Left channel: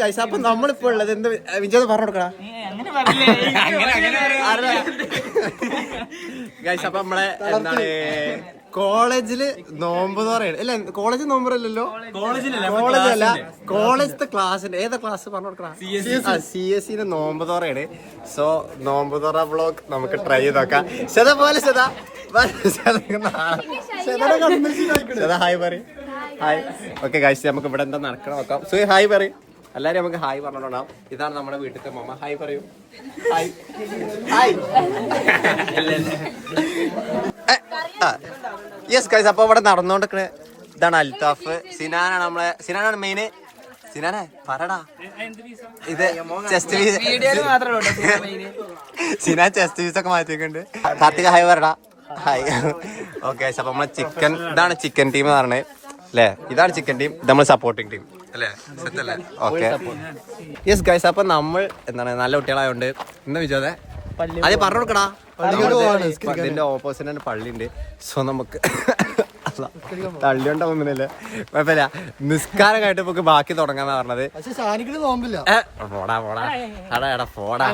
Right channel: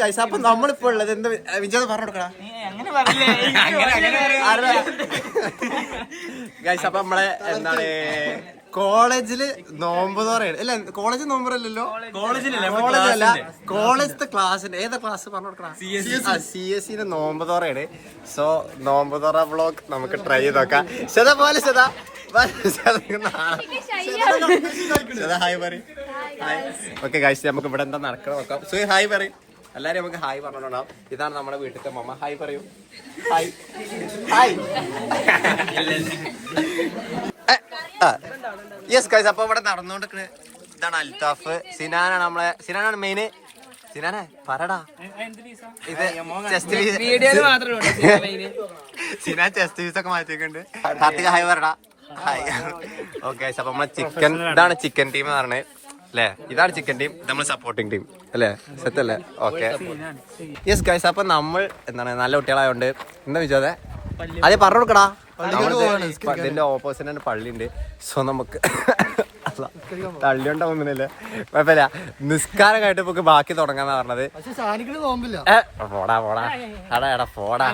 Guys. അപ്പൊ നമ്മളിപ്പോ ഉള്ളത് എന്താ വിജയ് പറഞ്ഞു കൊടുക്കടാ ഗൈസ്. അപ്പൊ നമ്മളെ എന്താണ് കോളേജില് നോമ്പ് തുറയാണ്. അല്ല കോളേജ് നോമ്പറല്ലോ, കോളേജല്ല കോളേജത്തെ ക്ലാസ്സിന്റെ ഏതാ ക്ലാസ് പറഞ്ഞു കൊടുക്കണ CSE നോമ്പ് തുറയാണ്. സോ നോമ്പ് തുറ വ്ളോഗ് നമുക്ക് ട്രൈ ചെയ്ത് നോക്കാം. പോലെ ഹായ് പറയും. ഹായ്. ഓക്കെ ഗൈസ്, നമുക്ക് ഇവിടെ എന്താ നടക്കണം നോക്കാം. സോ ഹായ് പറയും എല്ലാരും. നമുക്ക് ഹായ് പറഞ്ഞോണ്ടാവും. ഇതാണ് നമ്മുടെ വീട്ടിലത്തെ മമ്മ. ഹായ് പറയൂ. Hi hi. Yes guys. അപ്പൊ ഇവിടെ നടന്നുകൊണ്ടിരിക്കണ ഇതാണ് അൽത്താഫ്. സിനാനാണ് നമ്മളെ, സിനാനാണ് മെയിന്. സിനാനെ പറടാ. ഇത് ചെസ്റ്റ് സിനാൻ ചെസ്റ്റ് പീസ് ഒക്കെ മാറ്റിയിട്ടുണ്ട്. കാർത്തിക ഹായ് പറടാ. ഹായ്. Okay guys. അപ്പൊ നമ്മളെ ചിക്കൻ, ഇതാണ് ചിക്കൻ ടീം എന്ന് പറഞ്ഞത് അല്ലേ. ഇതാണ് ചിക്കൻ ടീം, ഇത് നമ്മൾ സപ്പോർട്ടിങ് ടീം അല്ലേ. സെറ്റ് അല്ലേ? Okay yes guys. അപ്പൊ നമ്മൾ എന്താണ് നല്ല കുട്ടികളായോണ്ട് എന്താ വിചാരിച്ചേ അത് പറഞ്ഞു കൊടുക്കടാ. ഇതിന്റെ ഓപ്പോസിറ്റ് തന്നെ പള്ളി ഉണ്ട്. സോ നമുക്ക് തള്ളിയോണ്ടാവുന്നില്ല, കുഴപ്പമില്ല. നിസ്കാരം കഴിഞ്ഞിട്ട് നമുക്ക് ബാക്കി തുടങ്ങാന്നാ പറഞ്ഞത്. പോടാ പോടാ എടാ എടാ പോടാ,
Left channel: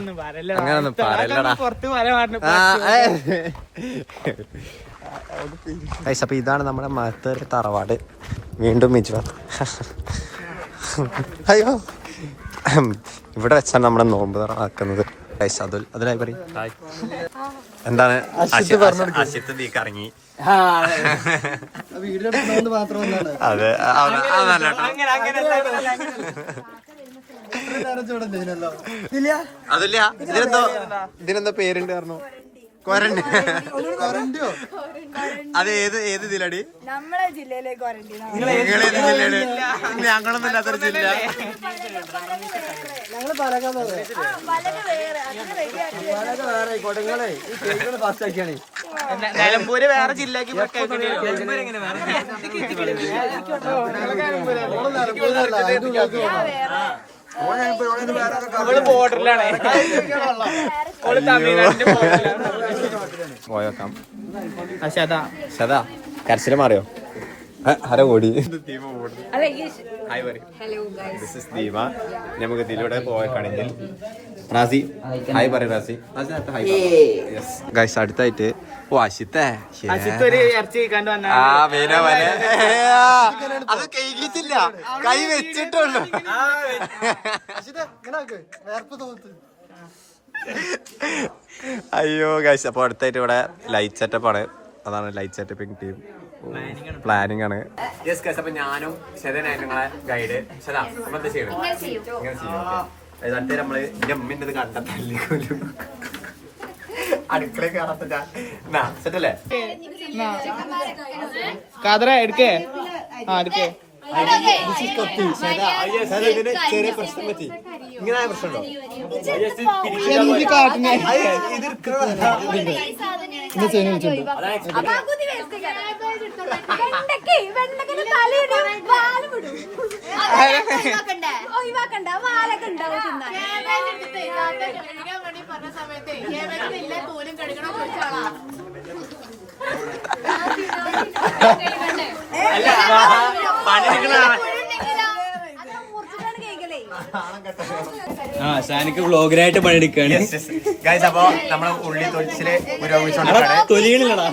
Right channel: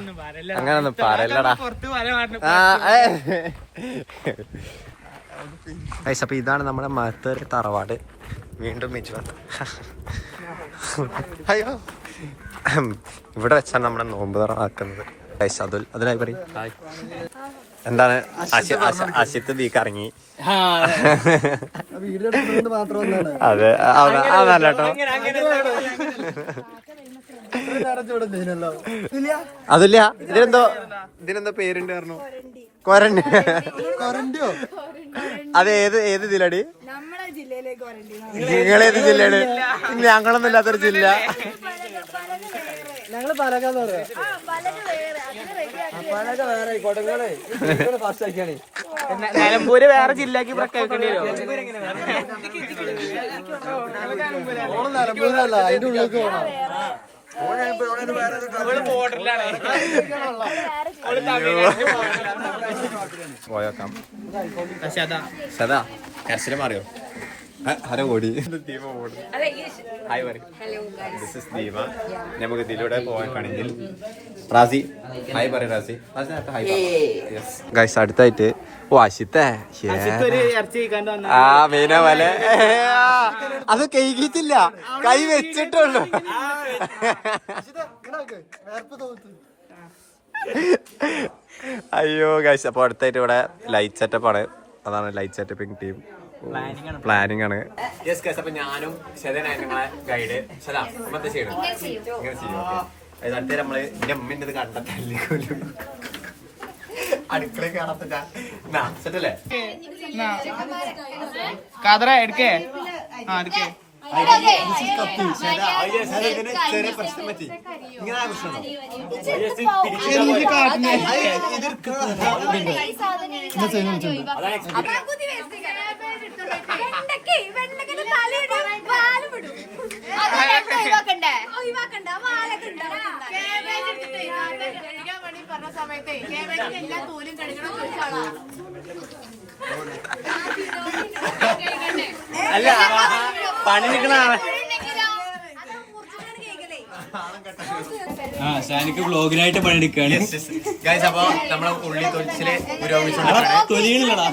അങ്ങനൊന്നും പറയല്ലടാ. അപ്പൊ ഇതാണ് നമ്മുടെ മത്തൂർ തറവാട്. വീണ്ടും മിജു. അയ്യോ, ഇവിടെ വെച്ചാണ് നമ്മുടെ നോമ്പ് തുറ ആക്കുന്നത്. അതിനായി പറയും എന്താണ് അശിത്ത് ദീക്ക് ഇറങ്ങി. അതെ അതല്ല കേട്ടോ, അതില്ല. ഇതിനെന്തോ പേരുണ്ട് പറഞ്ഞു. ക്വാറന്റീൻ. അത് ഏത് ജില്ലടി? നിങ്ങളേത് ജില്ലയാണ്? ഞങ്ങളൊന്നും ഇല്ലാത്തൊരു ജില്ല. നിലമ്പൂര് വേറെ ജില്ലക്ക് പോയോക്കാം. സദാ കരച്ചില് മാറിയോ? ഹലോ ഓടി. ഹായ് പറയും. This is Deepa. നമുക്ക് ഇതിലൂടെ പോയേക്കാണെങ്കിൽ റാസി ഹായ് പറയും. റാസി ഗൈസ്. അടുത്തായിട്ട് ഓ അശിത്തേ ആ മീന പോലെ. അത് കൈകിട്ടില്ല, കൈ വെച്ചിട്ടുള്ളൂ. അയ്യോ ഗൈസ്. അപ്പൊ അടുത്തായിട്ട് ഇവിടെ ലൈറ്റ് സെറ്റപ്പ് ആണ്. അതാണ് ലൈറ്റ് സെറ്റപ്പിംഗ് ടീം. പ്ലാനിങ് ആണ്. Yes guys. അപ്പൊ ഞാനും ശതനായി നിങ്ങളെ ഗൈഡ്. ശതാ അപ്പൊ എന്താ ചെയ്യണം? ഇങ്ങനെ ചെയ്യും. അടുത്ത നമ്മള് എന്റെ അമ്മേന്റെ കണ്ടെത്തല്ലിക്കൊല്ലും. അടുക്കള കാണാത്ത സെറ്റല്ലേ? എടുക്കേ എടുക്കേ. ചെറിയ പ്രശ്നം പറ്റി. ഇങ്ങനെ പ്രശ്നമുണ്ടോ? സാനിക്ക് വ്ളോഗിനായിട്ട് പണിയെടുക്കാണ്. അപ്പൊ നമ്മളെ ഉള്ളി തൊഴിച്ചില് പുരോഗമിച്ചോണ്ടിരിക്കുകയാണ്. തൊലികളില്ലടാ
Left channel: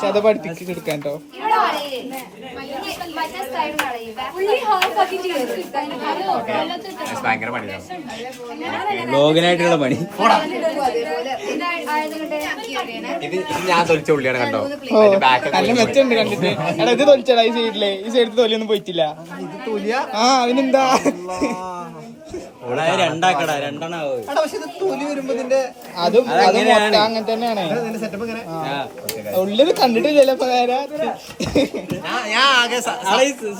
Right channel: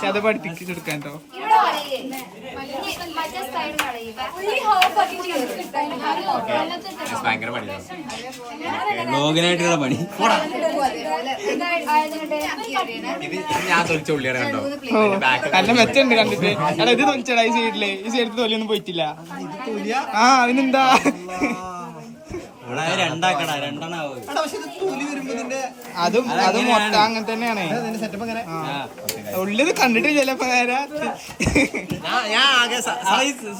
ശതപടുത്തിക്ക് എടുക്കാൻ കേട്ടോ. ഭയങ്കര പണിയാണ് വ്ളോഗിനായിട്ടുള്ള പണി. ഇത് ഞാൻ തൊലിച്ച ഉള്ളിയാണ് കണ്ടോ. നല്ല മെച്ചുണ്ട് കണ്ടിട്ട്. എടാ ഇത് തൊലിച്ചടാ ഈ സൈഡില്. ഈ സൈഡിൽ തൊലിയൊന്നും പോയിട്ടില്ല. ആ അതിനെന്താ രണ്ടാക്കടാ രണ്ടെണ്ണാവും. അതും മൊത്തം അങ്ങനെ തന്നെയാണ്. ഉള്ളത് കണ്ടിട്ടില്ലല്ലോ ഇപ്പൊ നേരെ.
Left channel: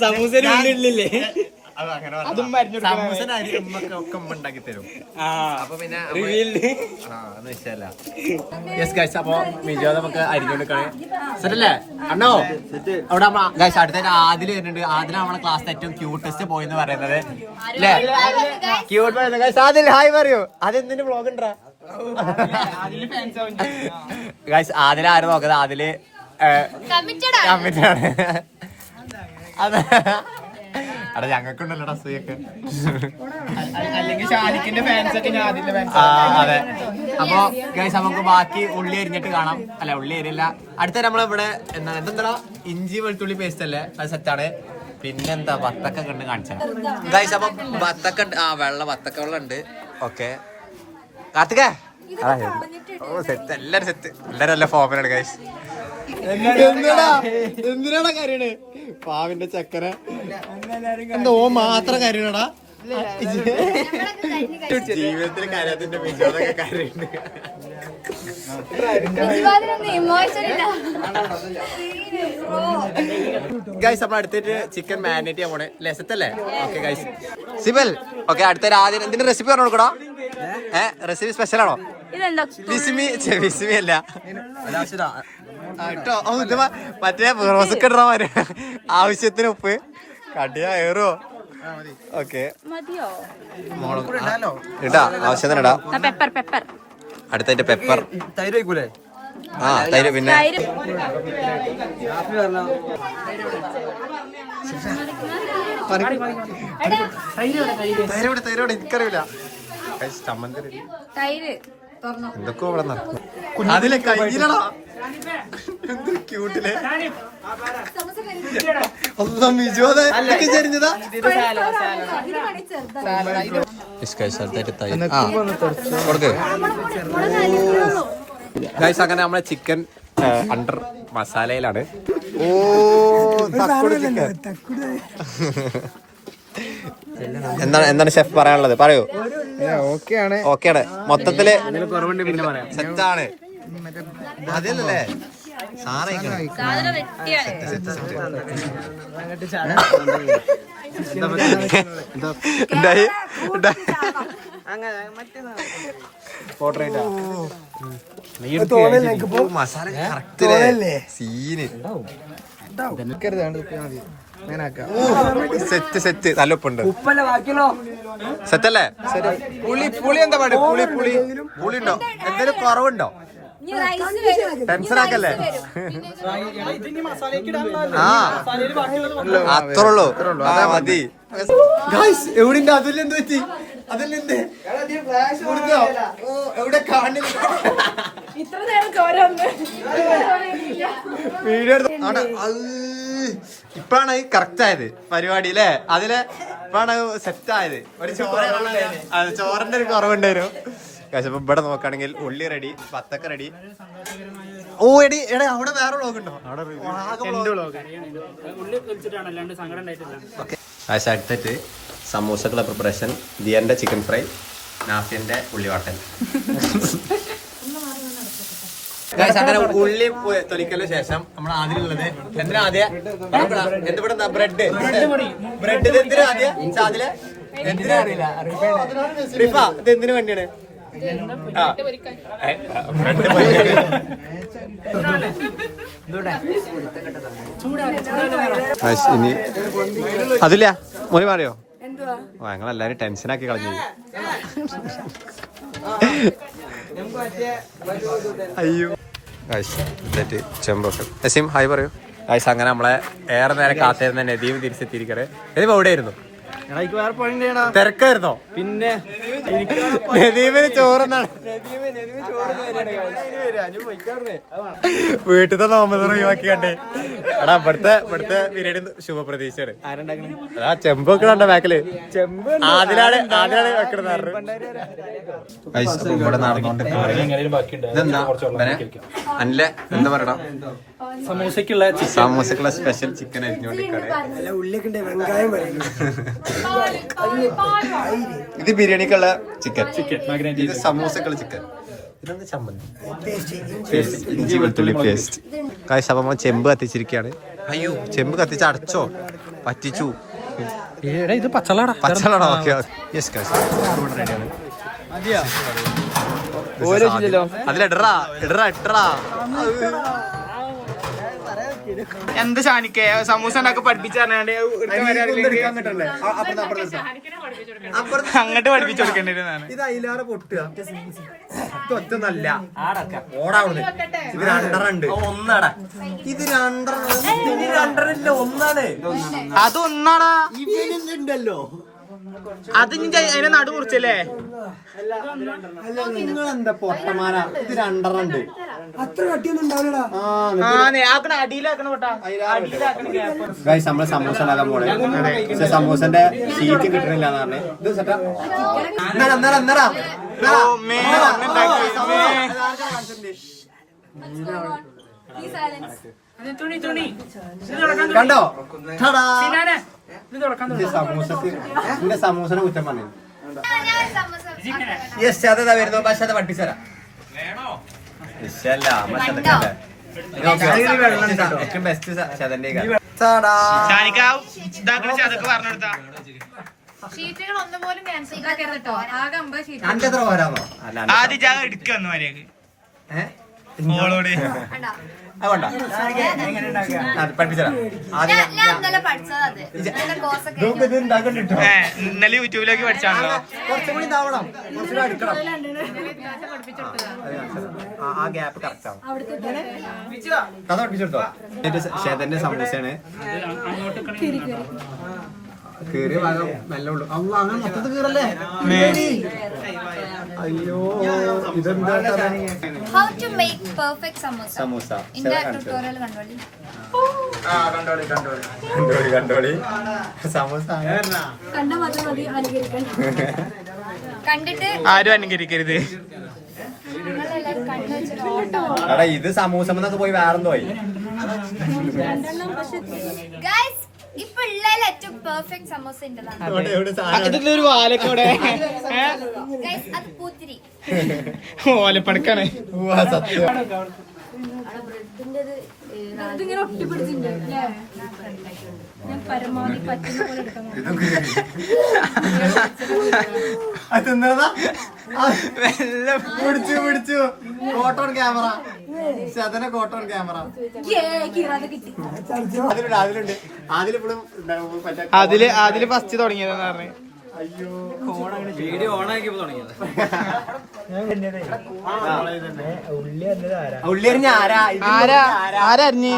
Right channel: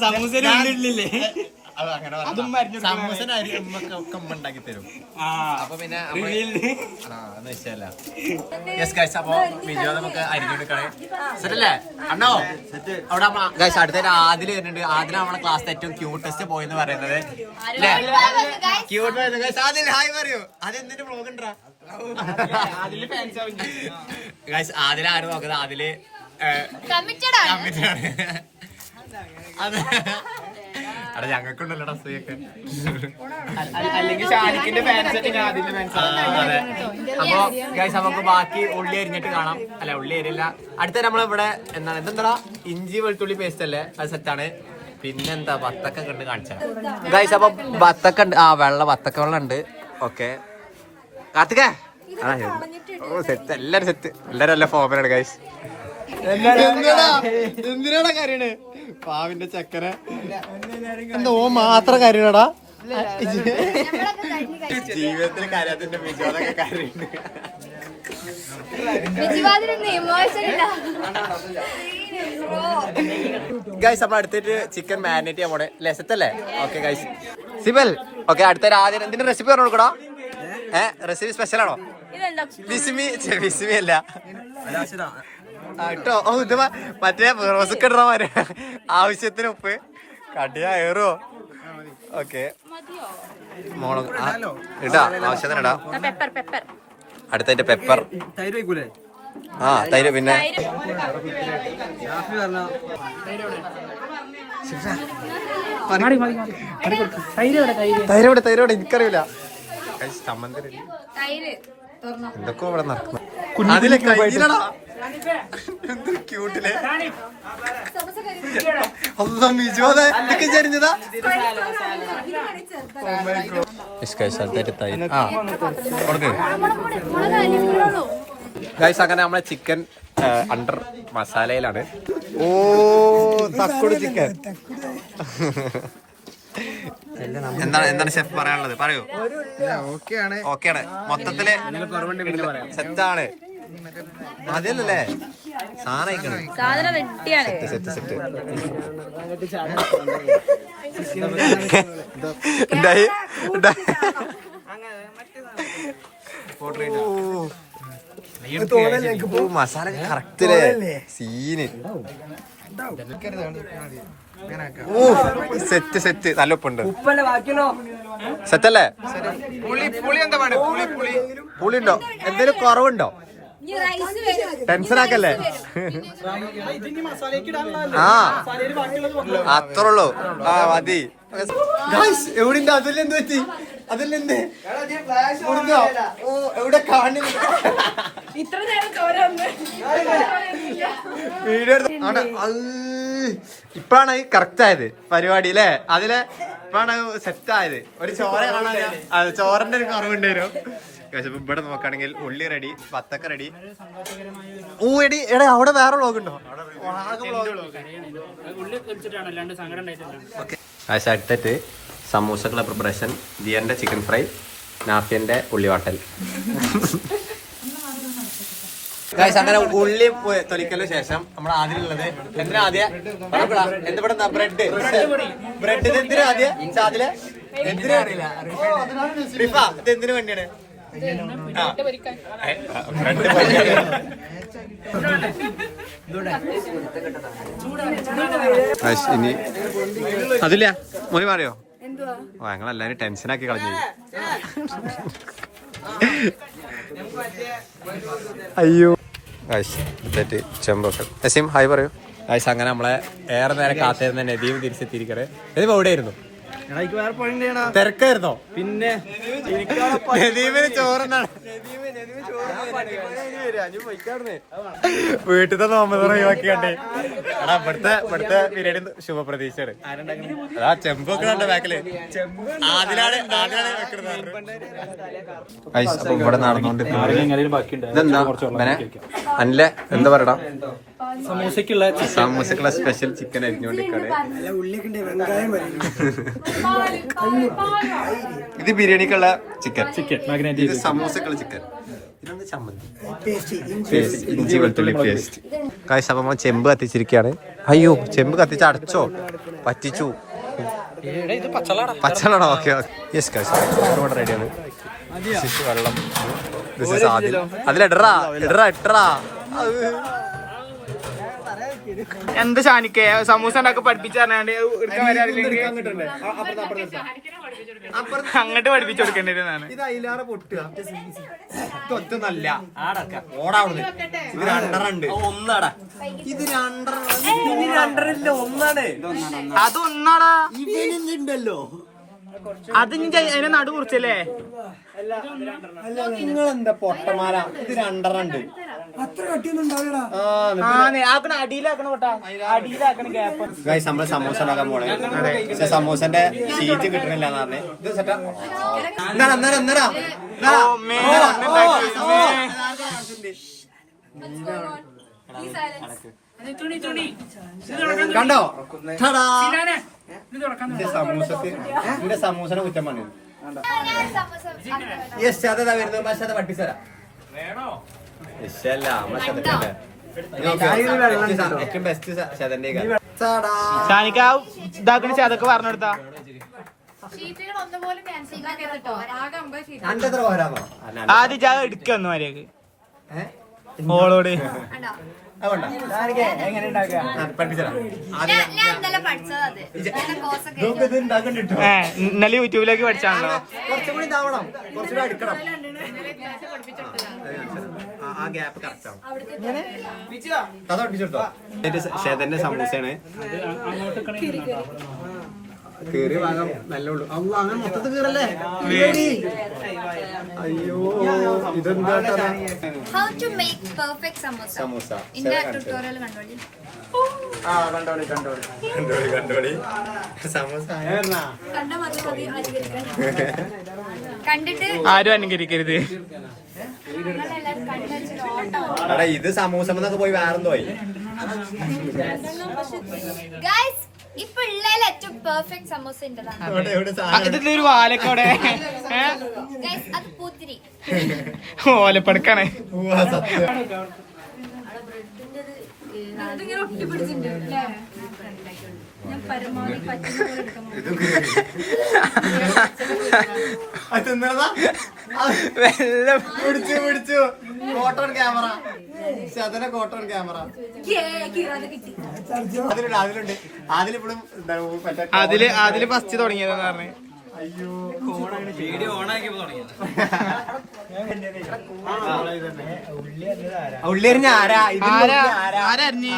സമൂസ ഉള്ളില്ലേ അതും ഉണ്ടാക്കി തരും. അപ്പൊ പിന്നെ അപ്പൊ മിജോ നമുക്ക് അരിഞ്ഞെടുക്കണേ. സെറ്റല്ലേ അണ്ണോ? അവിടെ അടുത്ത ആദില് വരുന്നുണ്ട്. ആദില നമ്മളെ ക്ലാസ്സിൽ ഏറ്റവും ക്യൂട്ടസ്റ്റ് ബോയ് എന്ന് പറയുന്നത്. ആദിൽ ഹായ് പറയൂ. അതെന്തിന്റെ വ്ളോഗ് ഉണ്ടാ? ആദില ആരും നോക്കുന്നത്. ആദില് അതെ അവിടെ ഞങ്ങൾക്കുണ്ടല്ലോ അസൂയൊക്കെ. അല്ലെങ്കിൽ ഷാനിക്കിന്റെ ഫാൻസ് ഒക്കെ ഞാൻ അതിന്റെ ഫാൻസ്. അതെ. അപ്പൊ ഗൈസ് നമുക്ക് ബാക്കി ഉള്ളി അരിഞ്ഞിട്ട് കാണാം. അല്ല ഉള്ളി അരിയല്ല, അടുത്ത നമ്മളിവിടെ എന്തെന്താ ഇഞ്ചി വെളുത്തുള്ളി പേസ്റ്റ് അല്ലേ, അത് സെറ്റാണ്. പിന്നെന്താ വത്തക്ക കണ്ട് കാണിച്ചാൽ ഗൈസ്. അപ്പൊ വത്തക്ക ഉണ്ട്, വത്തക്ക വെള്ളം ഉണ്ട്. ഓക്കെ കാർത്തികേ, ഓ സെറ്റ്, എല്ലാരും സെറ്റ്, എല്ലാരും നല്ല ഫോമിലാണ് ഗൈസ്. എന്തിനാടാ കരയണ്? പാവിന്റെ ചക്കര എന്തോ മാത്രം കരയണടാ. ജീവിതത്തിൽ കരയാത്തിന്റെ മികവൊക്കെ കരയുണ്ട്. ഗൈസ് നമ്മൾ അടുത്തിട്ട് ചിക്കൻ മാരിനേറ്റ് ചെയ്യാൻ പോണേ ലെസത്തല്ലേ? Okay guys. സിബൽ ഓക്കെ, അടുത്ത ആദ്യം എന്തിന്റെ റെസിപ്പി പറഞ്ഞു കൊടുക്കണോ? റെസിപ്പി സ്പെഷ്യൽ ആണോ? വിസ്മി അല്ല കേട്ടോ. മറ്റേ റോസൊക്കെ ഇടണ മാര്. ആവശ്യത്തിന് ഉപ്പ് കടിയാ ഏറോ? ഓക്കെ മുളക് ഇടാ, ആവശ്യത്തിന് ഇടാ. അടുത്തതിന്റെ പെപ്പർ. ആ തൈര്. പിന്നെ തൈരോടെ എനിക്കറിയില്ല. ചമ്മന്തി എന്തൊക്കെ ഇവിടെ നടക്കുന്നു. അതിലെ കയ്യിലടാ ക്യൂട്ടിലെ ചെരിഞ്ഞതാ. ഗൈസ് അങ്ങനെ നമ്മളെ ചിക്കൻ അണ്ടർ മസാലയിലാണ്. ഓ തക്കുട് ചിക്കൻ. എന്താണ് ഷെഫ് പറയാനുള്ളത്? പറയൂ. ഓക്കെയാണ് മൊത്തത്തില് സെറ്റാണ്. മതിയല്ലേ സാധനം? സെറ്റ്. മസാല കറക്റ്റില്ലേ? Scene set. നല്ല ഉപ്പുണ്ട്. സെറ്റല്ലേ? പുളി ഉണ്ടോ? എന്തെങ്കിലും കുറവുണ്ടോ? ടെൻഷൻ ആക്കല്ലേ? അത്രേ ഉള്ളൂ. ആ മതി. എവിടെ അതിൽ എന്ത് പറ്റി? അതിലെന്ത് എവിടെ കാണുന്നില്ല? വീഡിയോ ഇപ്പഴാണ് കറക്റ്റ് ആയത് പരിപാടി അല്ലേ? അതില് ഇപ്പഴാണ് സെറ്റ് ആയത്. ഒരു ചോര കാണാൻ, ചോറിന്റെ ഒരു കുറവുണ്ടായിരുന്നു. പക്ഷെ ഇവിടെ നോക്കുകയാണെങ്കിൽ ഉള്ളി റെഡി, വത്തക്ക റെഡി. ഓ എടാ അവിടെ വേറെ വ്ളോഗ് ഉണ്ടോ? പക്ഷെ അടുത്തിട്ട് സമൂസക്കുള്ള പ്രിപ്പറേഷൻ. ദിയന്റെ ചിക്കൻ ഫ്രൈ, നാഫിന്റെ ഉള്ളിവാട്ടൽ. അങ്ങനെ ഉള്ളി തൊലിക്കലിന് ശേഷം നമ്മൾ ആദ്യമുള്ളത് എന്തിനാ? ആദ്യം എന്തിവിടെ ബ്രെഡ് എന്തിനാ ആദ്യം? അതില് എന്തിനാ റിഫ ഇത് എന്തിനു വേണ്ടിയാണ്? ബ്രെഡ് ഇനി അതില്ല മോനി മാറിയോ? ഞങ്ങളെല്ലാരും ടെൻഷനാക്കി കളഞ്ഞു. അയ്യോ ചെമ്പൊക്കെ. നസീം ഹായ് പറയൂ. ഗൈസ് അങ്ങനെ നമ്മളെ ഏറെ നേരം കാത്തിരുന്ന നദീം തിരിച്ചെത്തിയിരിക്കണേ. നദീം എവിടെയായിരുന്നു? തിരക്കായിരുന്നോ? പിന്നെ നദീമിന് ചോറുന്നാണ്. വീട്ടിലത്തെ നോമ്പ് ഒഴിവാക്കി കണ്ടേ. എടാ ഇവിടുത്തെ ബിരിയാണി ശുഭപ്രതീക്ഷയാണ്. അതാ ചെമ്പൊക്കെ കണ്ട ബാക്കില് ആദിലാണ് വെക്കുന്നത്. അപ്പൊ ഇവിടെ നടന്നുകൊണ്ടിരിക്കുന്നത് ഇതെന്താ അല്ലേ? എന്താ പറയടാ? സമൂസക്കുള്ള സ്പെഷ്യൽ ചിക്കൻ അരിഞ്ഞുകൊണ്ടിരിക്കാണ്. ഇത് ബിരിയാണിക്കുള്ള ചിക്കൻ, ഇത് സമൂസക്കുള്ള ചിക്കൻ, ഇതൊന്ന് ചമ്മന്തി, ഇഞ്ചി വെളുത്തുള്ളി പേസ്റ്റ്. കാശ് അപ്പം ചെമ്പ് കത്തിച്ചിരിക്കുകയാണ്. അയ്യോ ചെമ്പ് കത്തിച്ച് അടച്ചോ? പറ്റിച്ചു. പച്ചളാണോ? ഓക്കെ യെസ് കാശ് ഇവിടെ റെഡിയാണ്. വെള്ളം അതിലിടറാ. എന്താ ഷാനിക്കേ സമൂസ ഉണ്ടാക്കി പഠിപ്പിച്ചാണ്ട് അങ്ങോട്ട് പഠിപ്പിച്ചു കൊടുക്കേണ്ടിരുന്നാണ്. ഇത് അതിലാറെ പൊട്ടുക ഇതൊറ്റൊന്നല്ല ഓടാവുന്നത്. ഇത് രണ്ടെണ്ണുണ്ട്. ഒന്നാടാ ഇത് രണ്ടെണ്ണ ഒന്നാണ്. അതൊന്നാടാ ഇവനുണ്ടല്ലോ. അത് അതിനെ നടു കുറിച്ചല്ലേ? നിങ്ങളെന്താ പൊട്ടമാല. ഇത് രണ്ടെണ്ണുണ്ട്. നമ്മള് സമൂസ ഉണ്ടാക്കാൻ പോണേ. സമൂസന്റെ ഷീറ്റ് കിട്ടണില്ല എന്ന് പറഞ്ഞേ. ഇത് സെറ്റാ കണ്ടോ? സമൂസക്ക് എന്റെ സമൂസനെ കുറ്റം പറഞ്ഞു. യെസ് അതാ വരുന്നു. പക്ഷെ അത് പഠിപ്പിച്ചരാ. ഏറ്റവും ബെസ്റ്റ് ശതന്റെ അതൊക്കെ പറഞ്ഞെടുത്താ എത്ര പോരാമോ? ആദ്യം ജാഗ എടുക്കുന്നു മര്യാദക്ക് മോളോട് ഇന്നലെ യൂട്യൂബിലേക്ക് പഠിച്ചാണല്ലോ. കുറച്ചും കൂടി ഇതാവണം. കുറച്ചുകൂടി അടുക്കണം. ആ ഗ്യാപ്പ് കറക്റ്റ് ആവും. കഥ പഠിപ്പിച്ചെടുത്തോ. ഷെതന്റെ സമൂസയാണ്. കേറിയ ഭാഗം നല്ല ഉള്ളു. അങ്ങനെ മൊത്തത്തിൽ കീറല്ലേ? അയ്യോ ഇതെന്താ സമൂസ കണ്ടോളി സമൂസ ആരും അനുകരിക്കരുത്. എടാ ഇത് സമൂസ പോയി വേറെന്തോ പോയി. ഇപ്പൊ ഏറ്റവും പെർഫെക്റ്റ് സമോസ ഇതിലൊരു വാലക്കോടെ ഓലപ്പടക്കാണ്. പിടിച്ചു കോട്ടൺ ക്യാമറ. ശതന കോട്ടൺ ക്യാമറ അതിലുണ്ട്. അതില് ഫസ്റ്റ് തുടങ്ങിയതെന്ന് പറഞ്ഞു. അയ്യോ ഉള്ളിയറിഞ്ഞ ആരറിഞ്ഞ്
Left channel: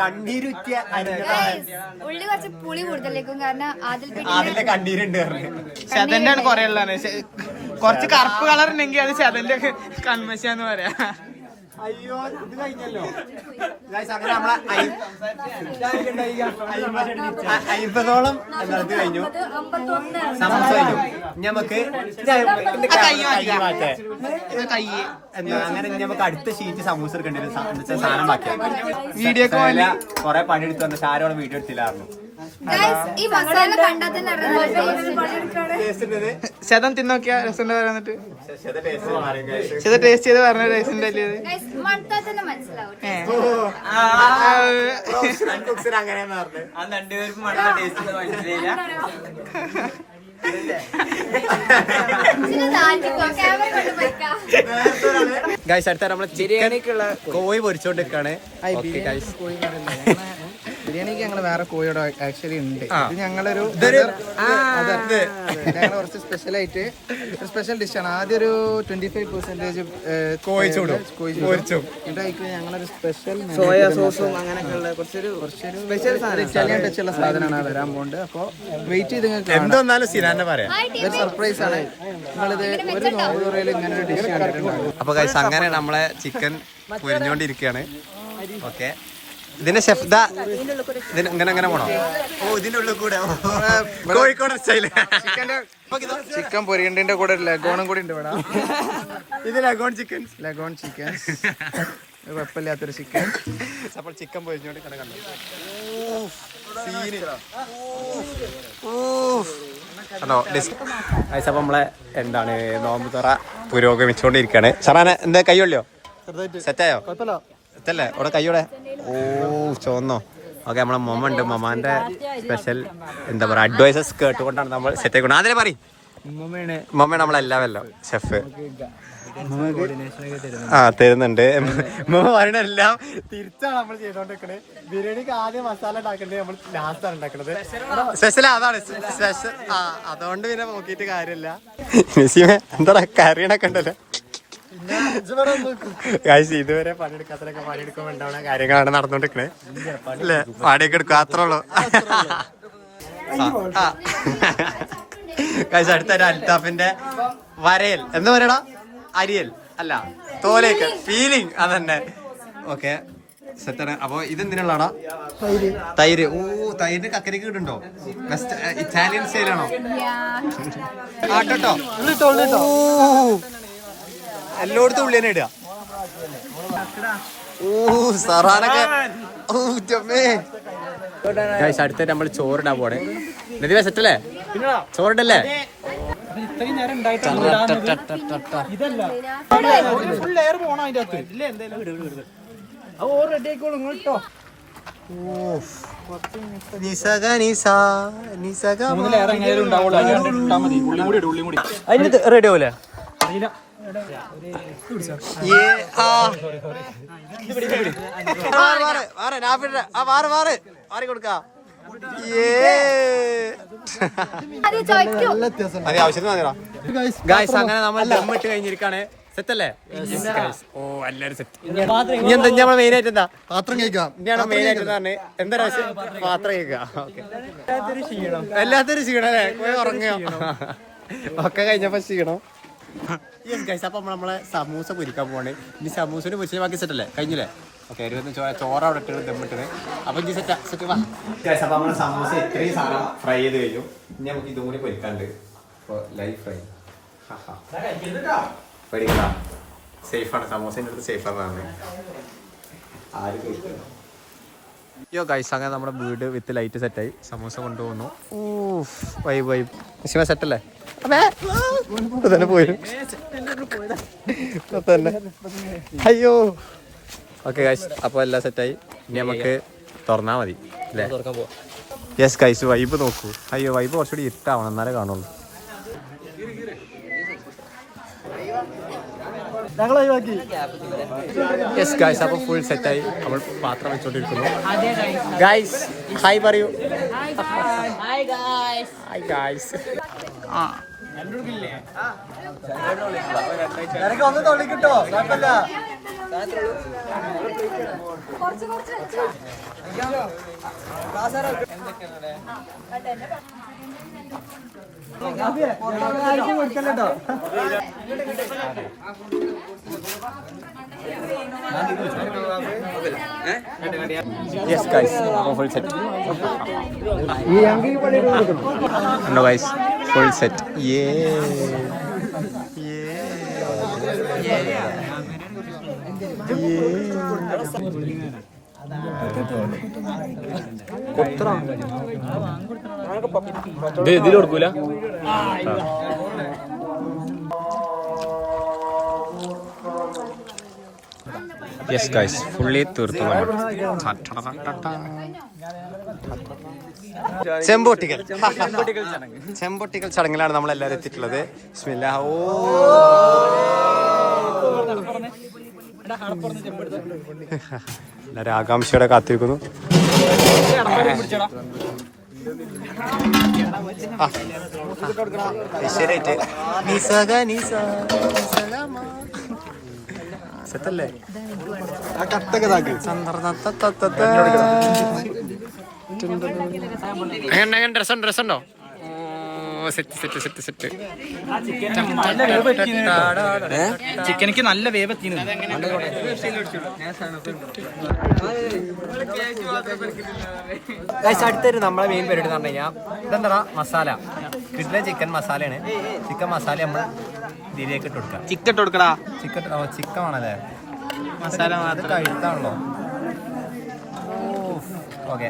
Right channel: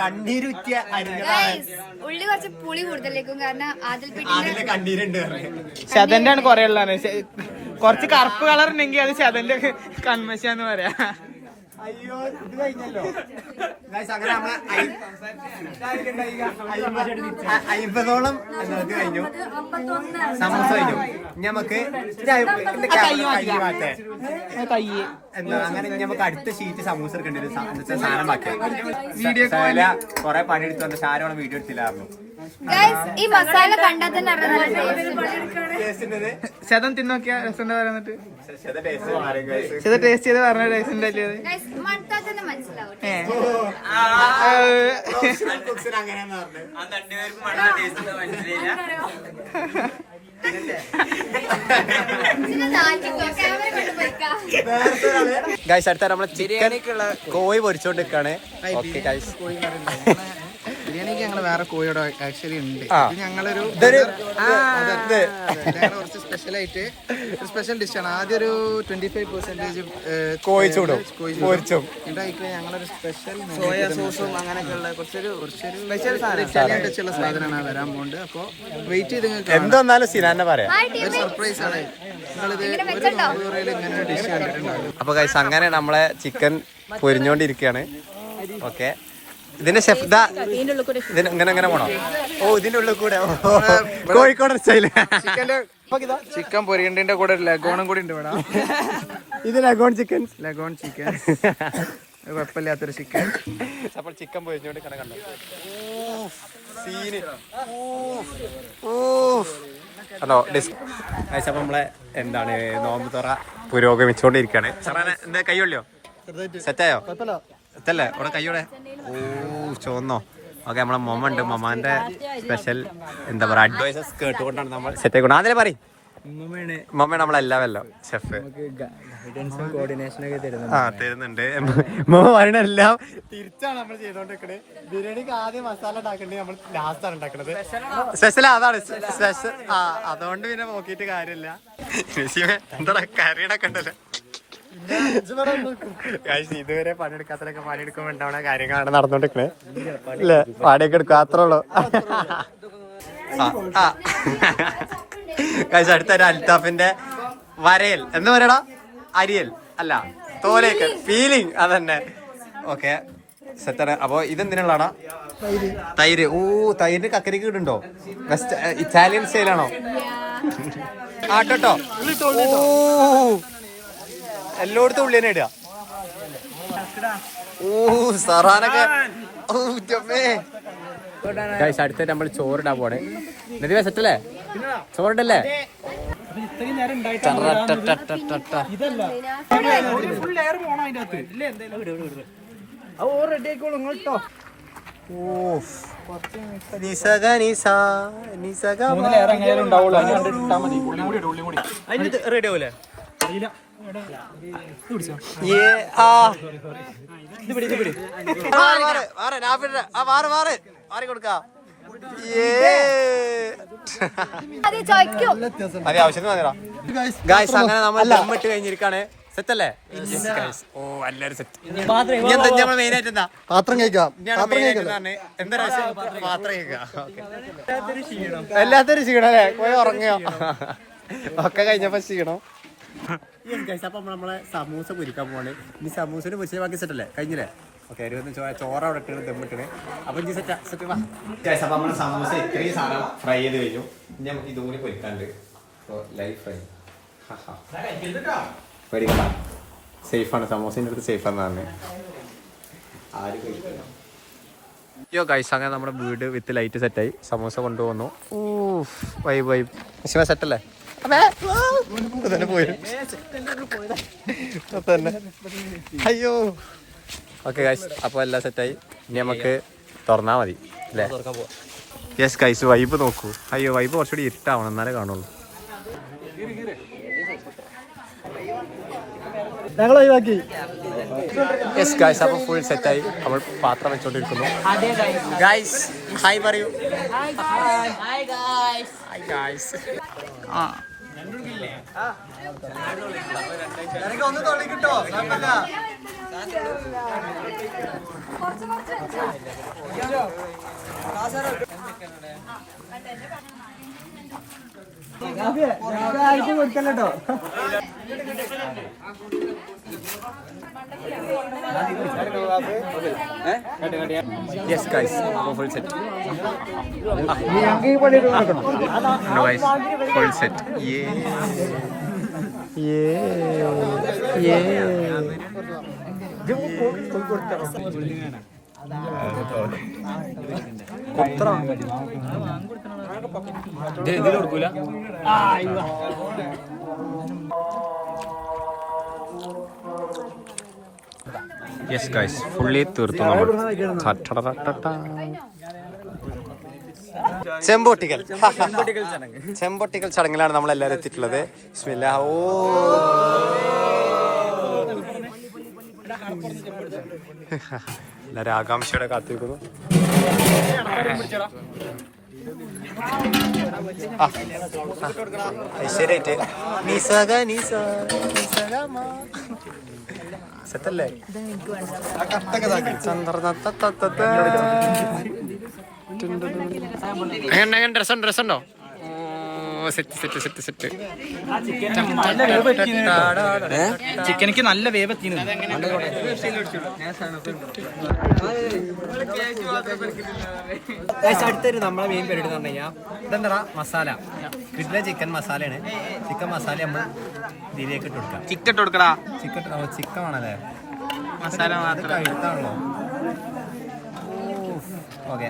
കണ്ണീരുറ്റിയ ഉള്ളി കുറച്ച് പുളി കൂടുതലേക്കും. കാരണം അതിന്റെ കണ്ണീരുണ്ട്. ശതന്റെ ആണ് കൊറേ ഉള്ളതാണ്. കുറച്ച് കറുപ്പ് കളർ ഉണ്ടെങ്കിൽ അത് ശതന്റെ കൺമശാന്ന് പറയാ. അയ്യോ ഇത് കഴിഞ്ഞല്ലോ. അങ്ങനെ നമ്മളെ 50ഓളം എന്നത് കഴിഞ്ഞു. സമൂസ കഴിഞ്ഞു. നമുക്ക് അങ്ങനെ നമുക്ക് അടുത്ത ഷീറ്റ് സമൂസ എടുക്കേണ്ടി വരും. സാധനം ബാക്കിയാ വീഡിയോ കൊറേ പണിയെടുത്ത് വന്ന ഷാരോളം വീഡിയോ എടുത്തില്ലായിരുന്നു. ഈ മസാല കണ്ടാൽ തന്നെ ശതം തിന്നോക്കിയാ രസം പറയാന്നിട്ട് ശത ടേസ്റ്റ് ചെയ്ത് പറഞ്ഞ രസം ഗൈസ് അടുത്ത നമ്മളെ ചിക്കൻ കോഴി പൊരിച്ചോണ്ടിരിക്കാണ്. ബിരിയാണിക്ക് ഞങ്ങള് വേറെ കോഴിയോട് ആക്ച്വലി ഉണ്ട്. ഇത് ഞങ്ങളൊരു കുറച്ച് സ്പെഷ്യലായിട്ട് ഒരു സ്പെഷ്യൽ ഡിഷാണ്. ആദ്യം ഒരു 25% കോഴിച്ചോടും എന്നിട്ട് ഞങ്ങളൊരു സ്പെഷ്യൽ സോയാ സോസും അങ്ങനെയൊക്കെ ഉള്ള കുറച്ചൊരു സ്പെഷ്യൽ സാധനം ഇറ്റാലിയൻ ടച്ചുള്ള സാധനമാണ് വരാൻ പോകുന്നത്. അപ്പൊ വെയിറ്റ് ചെയ്ത് എന്തായാലും സിനാനെ പറയാം. ഒരു സർപ്രൈസ് ആണ്. നിങ്ങളിത് ഒരു നോമ്പുറയിൽ ഇങ്ങനെ ഒരു ഡിഷ് കണ്ടിട്ടുണ്ടാകും. അപ്പൊ ഗൈസ് അങ്ങനെ നമ്മളെ ചിക്കൻ പൊരിഞ്ഞോണ്ടിരിക്കുകയാണ്. ഓക്കെ ഇതിന്റെ ഷെഫ് ഇങ്ങനെ പോണോ? ഓ ഇതിന്റെ ഉള്ളിൽ കൂടെ കോഴിക്കോട് ചിക്കൻ പൊരിയണ്ടിന്റെ കൂടെ ലഗോണും കൂടി ഉണ്ട് ഇവിടെ. ഇത് ലഗോൺ ചിക്കൻ കുഴപ്പമില്ലാത്തൊരു ചിക്കൻ. അപ്പോൾ ചിക്കൻ പൊരിഞ്ഞോണ്ട് കണ്ടോ സീന്. ഹലോ അപ്പൊ നമ്മളെ എന്താണ് നോമ്പ് തുറ പുരോഗമിച്ചോണ്ടിരിക്കാണ്. ഷറാനെ എന്താ കയ്യൊള്ളിയോ? സെറ്റായോ? സെറ്റല്ലേ? അവിടെ കയ്യോടെ ഓ ചോന്നോ? ഓക്കെ നമ്മളെ മൊമ്മ ഉണ്ട്. മൊമാന്റെ സ്പെഷ്യൽ എന്താ പറയാ അഡ്വൈസസ് കേട്ടുകൊണ്ടാണ് നമ്മൾ സെറ്റ് ആയിക്കൊണ്ട്. അതിനെ പറയും മൊമ്മയാണ് നമ്മളെല്ലാവല്ലോ ഷെഫ്. കോർഡിനേഷൻ ഒക്കെ തരുന്നത്. ആ തരുന്നുണ്ട്. പറയണെല്ലാം തിരിച്ചാണ് നമ്മൾ ചെയ്തോണ്ടിരിക്കണേ. ബിരിയാണിക്ക് ആദ്യം മസാല ഉണ്ടാക്കണ്ടേ, നമ്മൾ ലാസ്റ്റ് ആണ് ഉണ്ടാക്കണത്. സ്പെഷ്യൽ അതാണ് സ്പെഷ്യൽ. ആ അതുകൊണ്ട് പിന്നെ നോക്കിയിട്ട് കാര്യമില്ല. എന്താ കറിയണൊക്കെ ഉണ്ടല്ലോ ഗൈസ്. ഇതുവരെ പണിയെടുക്കാത്തതൊക്കെ പണിയെടുക്കുമ്പോ ഉണ്ടാവുന്ന കാര്യങ്ങളാണ് നടന്നോണ്ടിരിക്കണേ അല്ലേ. വാടകയൊക്കെ എടുക്കുക അത്രേ ഉള്ളൂ. ഗൈസ് അടുത്തൊരു അൽത്താഫിന്റെ വരയൽ എന്ന് പറയടാ, അരിയൽ അല്ല തോലേക്ക് ഫീലിംഗ് അതന്നെ. ഓക്കെ സെറ്റാണ്. അപ്പൊ ഇതെന്തിനുള്ളടാ? തൈര്. ഓ തൈരിന് കക്കരിക്ക് ഇടുണ്ടോ? വെസ്റ്റ് ഇറ്റാലിയൻ സ്റ്റൈലാണോ? ആട്ടോ. ഓ എല്ലായിടത്തും ഉള്ളി തന്നെ ഇടുക. ഓ സറാനൊക്കെ. ഓ ജമ്മേ. ഗൈസ് അടുത്ത നമ്മൾ ചോറിടാൻ പോണേ. നദി സെറ്റല്ലേ? ചോറിടല്ലേ? റെഡി ആവൂലേ? അങ്ങനെ നമ്മൾ ദമ്മിട്ട് കഴിഞ്ഞിരിക്കാണ്. സെറ്റല്ലേ? ഓ എല്ലാരും സെറ്റ്. ഇനി എന്താ നമ്മൾ മെയിൻ ആയിട്ട് എന്താ? പാത്രം കഴിക്കാം. എന്താ പാത്രം കഴിക്കാം. എല്ലാത്തിനും ക്ഷീണം അല്ലേ? പോയി ഉറങ്ങിയോ? ഒക്കെ കഴിഞ്ഞപ്പോ ക്ഷീണം. അപ്പൊ നമ്മളെ സമൂസ പൊരിക്കാൻ പോവാണ്. ഇനി സമൂസന് പൊരിച്ച ബാക്കി സെറ്റല്ലേ? കഴിഞ്ഞില്ലേ? ഓക്കെ ചോറ് അവിടെ ഇട്ട് ദമ്മിട്ടത്. അപ്പൊ ഇനി സെറ്റ് വാ. അപ്പൊ നമ്മള് സമൂസ ഇത്രയും സാധനം ഫ്രൈ ചെയ്ത് കഴിഞ്ഞു. ഇനി നമുക്ക് ഇതും കൂടി പൊരിക്കാണ്ട്. ലൈഫ് ഫ്രൈ പേടിക്കണ്ട, സേഫാണ്. സമൂസേൻ്റെ അടുത്ത് സേഫാന്ന് പറഞ്ഞത്. ആര് കഴിക്കണം? യോ ഗൈസ് അങ്ങനെ നമ്മുടെ വീട് വിത്ത് ലൈറ്റ് സെറ്റായി. സമൂസ കൊണ്ടുപോകുന്നു. ഓ വൈബ് വൈബ്. ശിവ സെറ്റല്ലേ? തന്നെ പോയി തന്നെ. അയ്യോ ഓക്കെ ഗൈസ് അപ്പോൾ എല്ലാം സെറ്റായി. ഇനി നമുക്ക് തുറന്നാൽ മതി അല്ലേ? യെസ് ഗൈസ് വൈബ് നോക്കൂ. അയ്യോ വൈബ് കുറച്ചുകൂടി ഇരുട്ടാവണം എന്നാലേ കാണുള്ളൂ. യെസ് ഗൈസ് അപ്പോൾ ഫുൾ സെറ്റായി. നമ്മൾ പാത്രം വെച്ചോണ്ടിരിക്കുന്നു. ഗൈസ് ഹായ് പറയൂ. Hi guys. ആ യെസ് ഗൈസ് അപ്പോൾ ഫുൾ സെറ്റ്. ഉണ്ടോ ഗൈസ്? Full set. ഇതിൽ കൊടുക്കൂല. യെസ് ഗൈസ് ഫുള്ളി തീർത്തു നമ്മൾ. ചെമ്പൊട്ടിക്കൽ ചടങ്ങിലാണ് നമ്മൾ എല്ലാവരും എത്തിയിട്ടുള്ളത്. ബിസ്മില്ലാ. ഓ എല്ലാവരും ആകാംക്ഷയോടെ കാത്തിരിക്കുന്നു. ശരിയായിട്ട് സെറ്റല്ലേ? ഡ്രസ്സുണ്ടോ? ചിക്കനിക്ക് നല്ല വേവത്തിന്. അടുത്തൊരു നമ്മളെ മെയിൻ പരിപാടി എന്ന് പറഞ്ഞു കഴിഞ്ഞാൽ ഇതെന്താ മസാല. കിട്ടുന്ന ചിക്കൻ മസാലയാണ്. ചിക്കൻ മസാല നമ്മൾ ഇതിലേക്ക് ഇട്ട് കൊടുക്കാം. ചിക്കൻ ഇട്ട് കൊടുക്കടാ. ചിക്കൻ ആണല്ലേ? മസാല മാത്രം കഴിത്താണല്ലോ. ഓക്കെ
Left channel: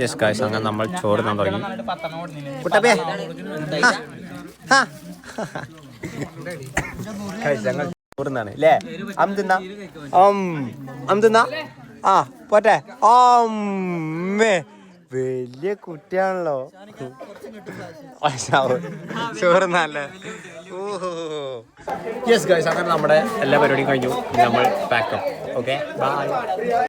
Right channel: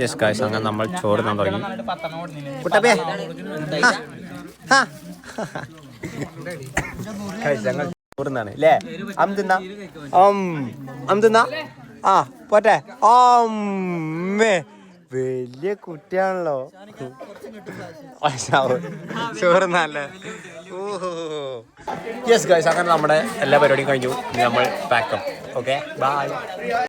യെസ് ഗൈസ് അങ്ങനെ നമ്മൾ ചോറ് തിന്നാൻ തുടങ്ങി. ഞങ്ങൾ ചോറ് തിന്നാണ് അല്ലേ? അം തിന്നാ. ആ പോട്ടെ. വലിയ കുട്ടിയാണല്ലോ. ചോറുന്നല്ലേ. ഓഹോ യെസ് ഗൈസ്, അങ്ങനെ നമ്മുടെ എല്ലാ പരിപാടിയും കഴിഞ്ഞു. നമ്മൾ പാക്കപ്പ്. Okay bye.